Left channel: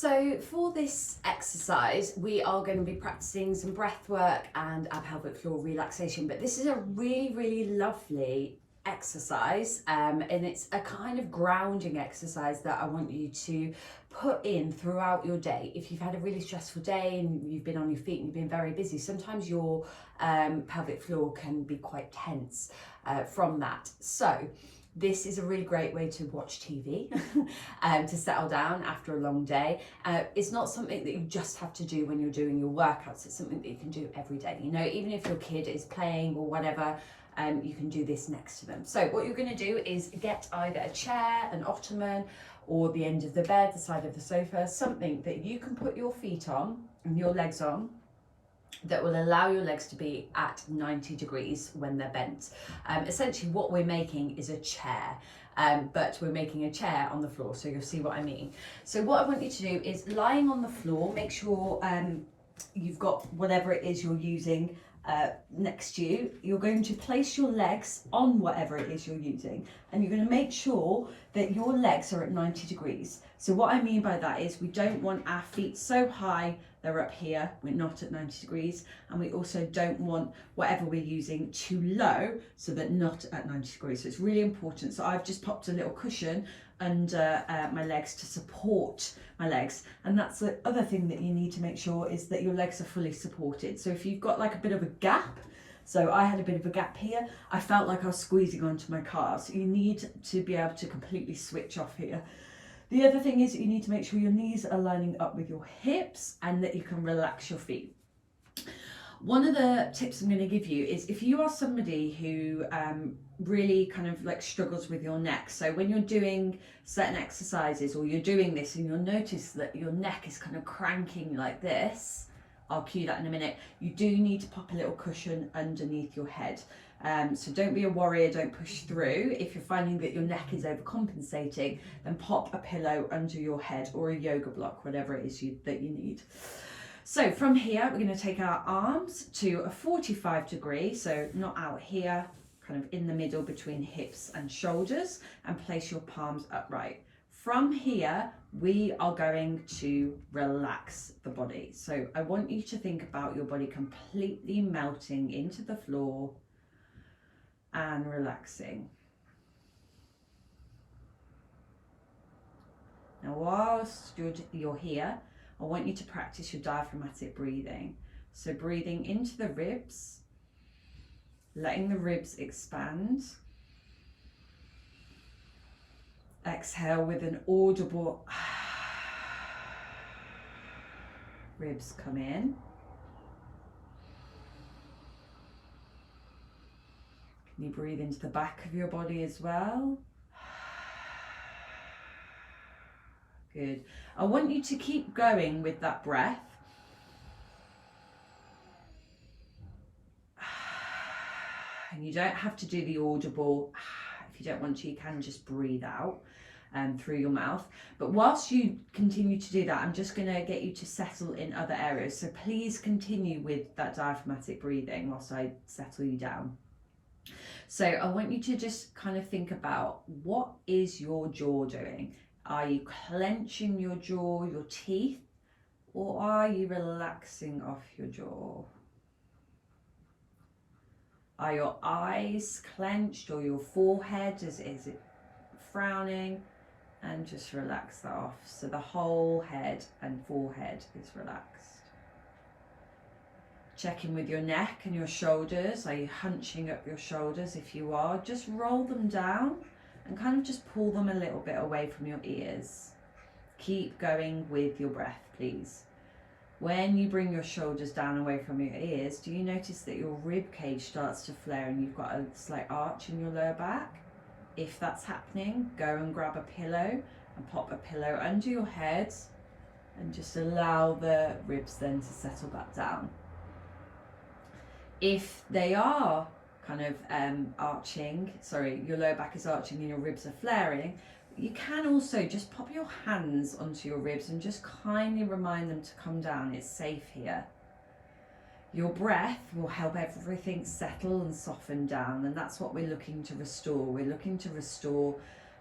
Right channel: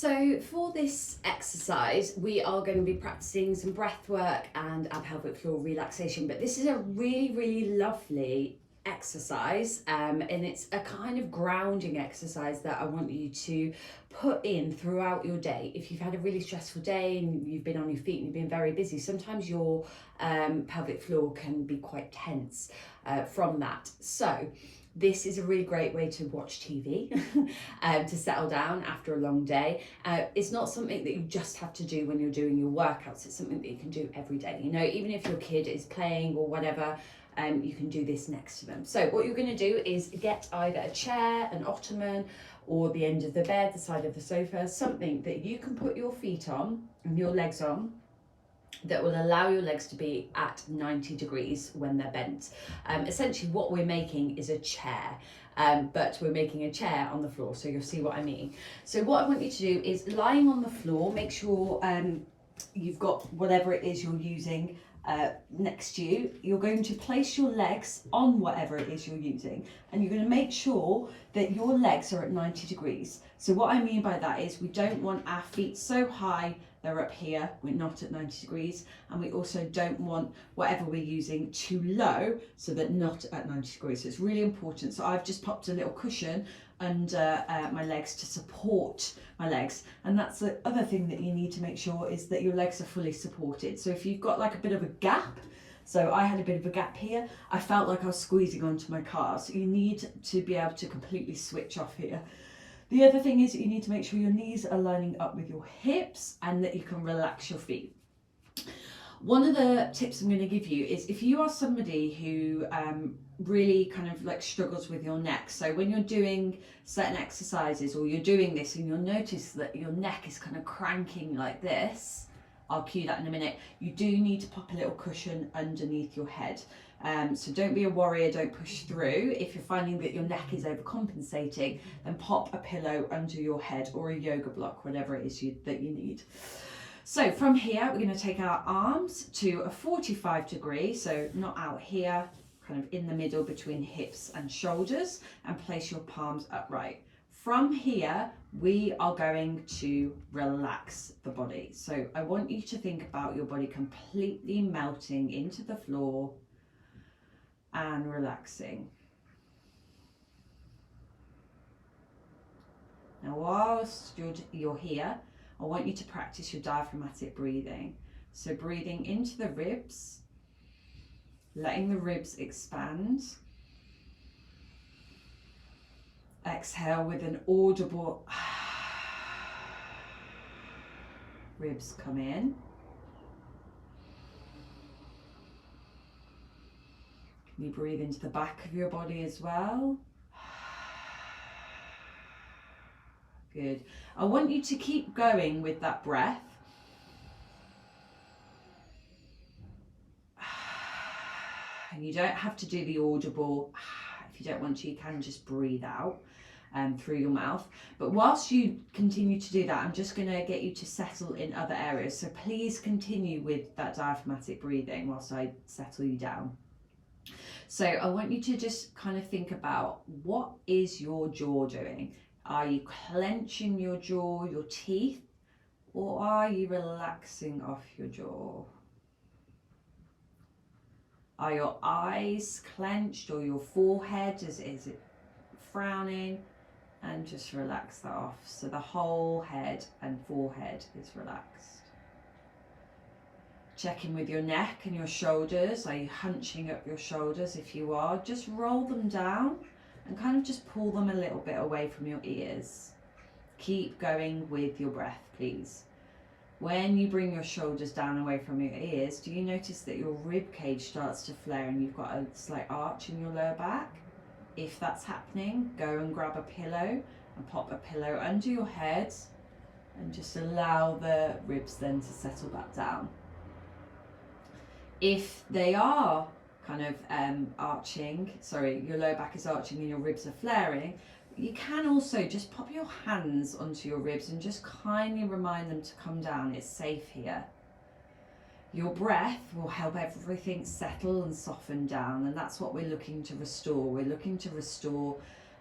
So for this exercise, we are going to be practicing some breath work and our pelvic floor relaxation, but this is a really, really lovely exercise, and it's a kind of grounding exercise that I want you to put in throughout your day. If you've had a really stressful day and you've been on your feet and you've been very busy, sometimes your pelvic floor can be quite tense from that. So this is a really great way to watch TV, to settle down after a long day. It's not something that you just have to do when you're doing your workouts. It's something that you can do every day. You know, even if your kid is playing or whatever, you can do this next to them. So what you're going to do is get either a chair, an ottoman, or the end of the bed, the side of the sofa, something that you can put your feet on and your legs on, that will allow your legs to be at 90 degrees when they're bent. Essentially what we're making is a chair, but we're making a chair on the floor, so you'll see what I mean. So what I want you to do is, lying on the floor, make sure you've got whatever it is you're using next to you. You're going to place your legs on whatever it is you're using, and you're going to make sure that your legs are at 90 degrees. So what I mean by that is, we don't want our feet so high they're up here, we're not at 90 degrees, and we also don't want whatever we're using too low, so that not at 90 degrees. So it's really important. So I've just popped a little cushion under my legs to support my legs, and that's the other thing that you need to make sure, is that your legs are fully supported. So if you've got like a bit of a gap, so I had a bit of a gap here, I felt like I was squeezing onto my calves. So you need to be able to completely switch off here. The other thing is that you need to make sure your knees are lining up with your hips and that you can relax your feet. One of the tips I'm going to give you is, if you are somebody who really kind of like struggles with your neck, so when you're doing certain exercises or you're doing this and you'll notice that your neck is kind of cranking like this, I'll cue that in a minute, you do need to pop a little cushion underneath your head. So don't be a warrior, don't push through. If you're finding that your neck is overcompensating, then pop a pillow under your head or a yoga block, whatever it is that you need. So from here, we're going to take our arms to a 45 degree, so not out here, kind of in the middle between hips and shoulders, and place your palms upright. From here, we are going to relax the body. So I want you to think about your body completely melting into the floor and relaxing. Now, whilst you're here, I want you to practice your diaphragmatic breathing. So breathing into the ribs, letting the ribs expand. Exhale with an audible ribs come in. Can you breathe into the back of your body as well? Good. I want you to keep going with that breath. And you don't have to do the audible. If you don't want to, you can just breathe out through your mouth. But whilst you continue to do that, I'm just going to get you to settle in other areas. So please continue with that diaphragmatic breathing whilst I settle you down. So I want you to just kind of think about, what is your jaw doing? Are you clenching your jaw, your teeth, or are you relaxing off your jaw? Are your eyes clenched, or your forehead, is it frowning? And just relax that off. So the whole head and forehead is relaxed. Check in with your neck and your shoulders. Are you hunching up your shoulders? If you are, just roll them down and kind of just pull them a little bit away from your ears. Keep going with your breath, please. When you bring your shoulders down away from your ears, do you notice that your rib cage starts to flare and you've got a slight arch in your lower back? If that's happening, go and grab a pillow and pop a pillow under your head and just allow the ribs then to settle back down. If they are kind of arching, sorry, your lower back is arching and your ribs are flaring, you can also just pop your hands onto your ribs and just kindly remind them to come down. It's safe here. Your breath will help everything settle and soften down, and that's what we're looking to restore. We're looking to restore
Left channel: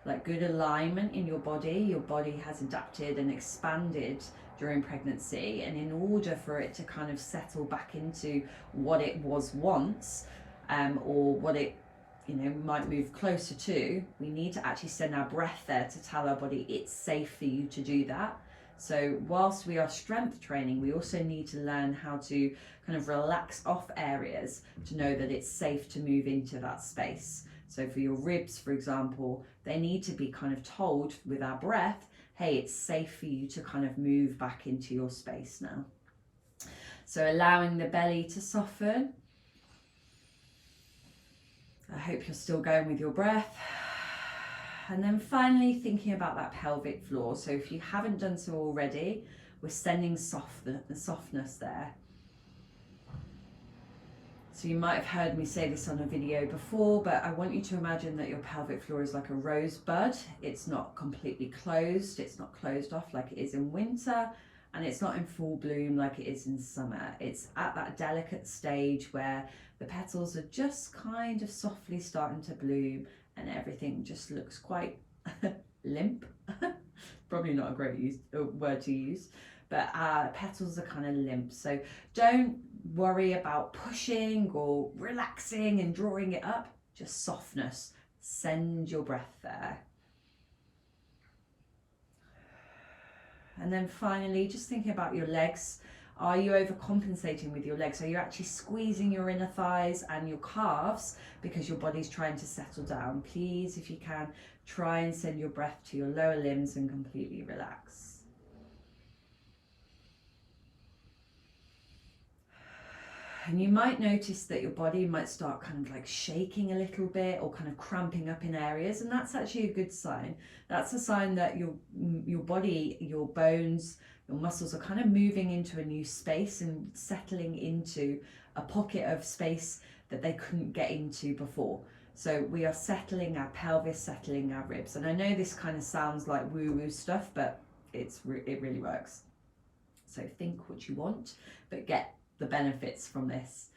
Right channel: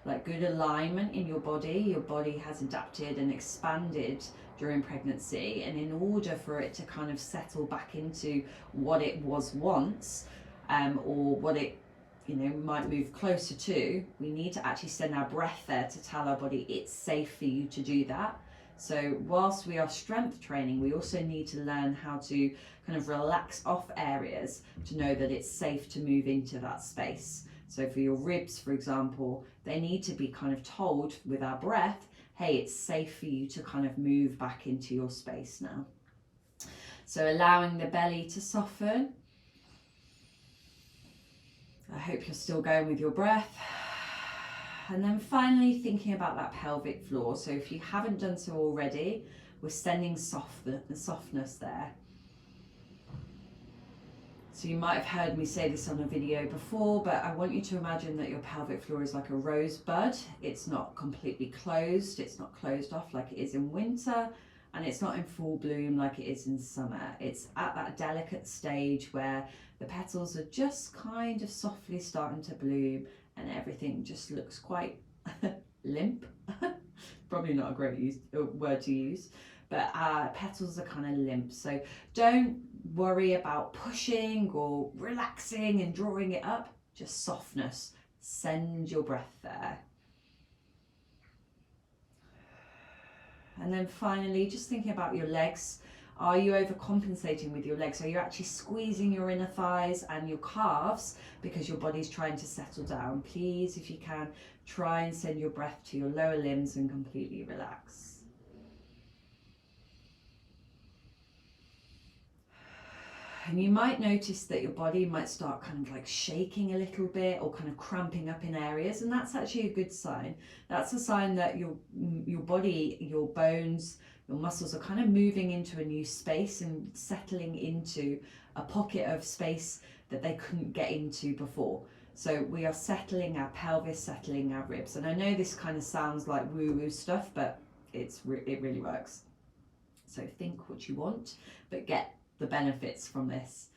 like good alignment in your body. Your body has adapted and expanded during pregnancy, and in order for it to kind of settle back into what it was once, or what it, you know, might move closer to, we need to actually send our breath there to tell our body it's safe for you to do that. So whilst we are strength training, we also need to learn how to kind of relax off areas to know that it's safe to move into that space. So for your ribs, for example, they need to be kind of told with our breath, hey, it's safe for you to kind of move back into your space now. So allowing the belly to soften. I hope you're still going with your breath. And then finally thinking about that pelvic floor. So if you haven't done so already, we're sending the softness there. So you might have heard me say this on a video before, but I want you to imagine that your pelvic floor is like a rosebud. It's not completely closed, it's not closed off like it is in winter, and it's not in full bloom like it is in summer. It's at that delicate stage where the petals are just kind of softly starting to bloom and everything just looks quite limp. Probably not a great word to use, but petals are kind of limp. So don't worry about pushing or relaxing and drawing it up, just softness. Send your breath there. And then finally, just thinking about your legs. Are you overcompensating with your legs? Are you actually squeezing your inner thighs and your calves because your body's trying to settle down? Please, if you can, try and send your breath to your lower limbs and completely relax. And you might notice that your body might start kind of like shaking a little bit or kind of cramping up in areas, and that's actually a good sign. That's a sign that your body, your bones, your muscles are kind of moving into a new space and settling into a pocket of space that they couldn't get into before. So we are settling our pelvis, settling our ribs. And I know this kind of sounds like woo-woo stuff, but it really works. So think what you want, but get the benefits from this.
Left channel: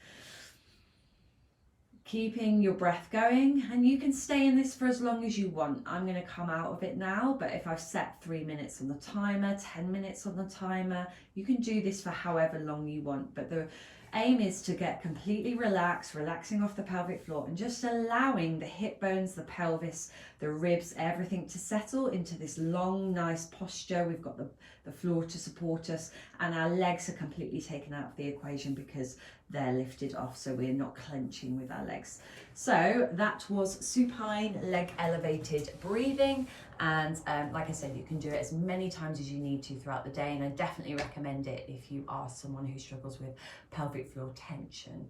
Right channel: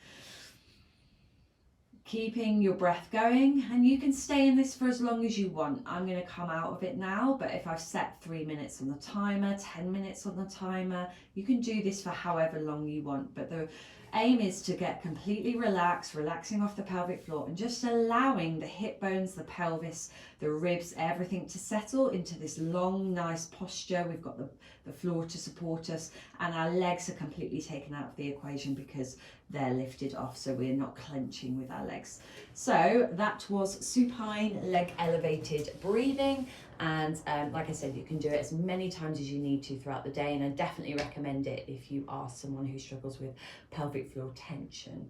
Keeping your breath going, and you can stay in this for as long as you want. I'm going to come out of it now, but if I've set 3 minutes on the timer, 10 minutes on the timer, you can do this for however long you want. But the aim is to get completely relaxed, relaxing off the pelvic floor and just allowing the hip bones, the pelvis, the ribs, everything to settle into this long, nice posture. We've got the floor to support us, and our legs are completely taken out of the equation because they're lifted off, so we're not clenching with our legs. So that was supine leg elevated breathing, and like I said, you can do it as many times as you need to throughout the day, and I definitely recommend it if you are someone who struggles with pelvic floor tension.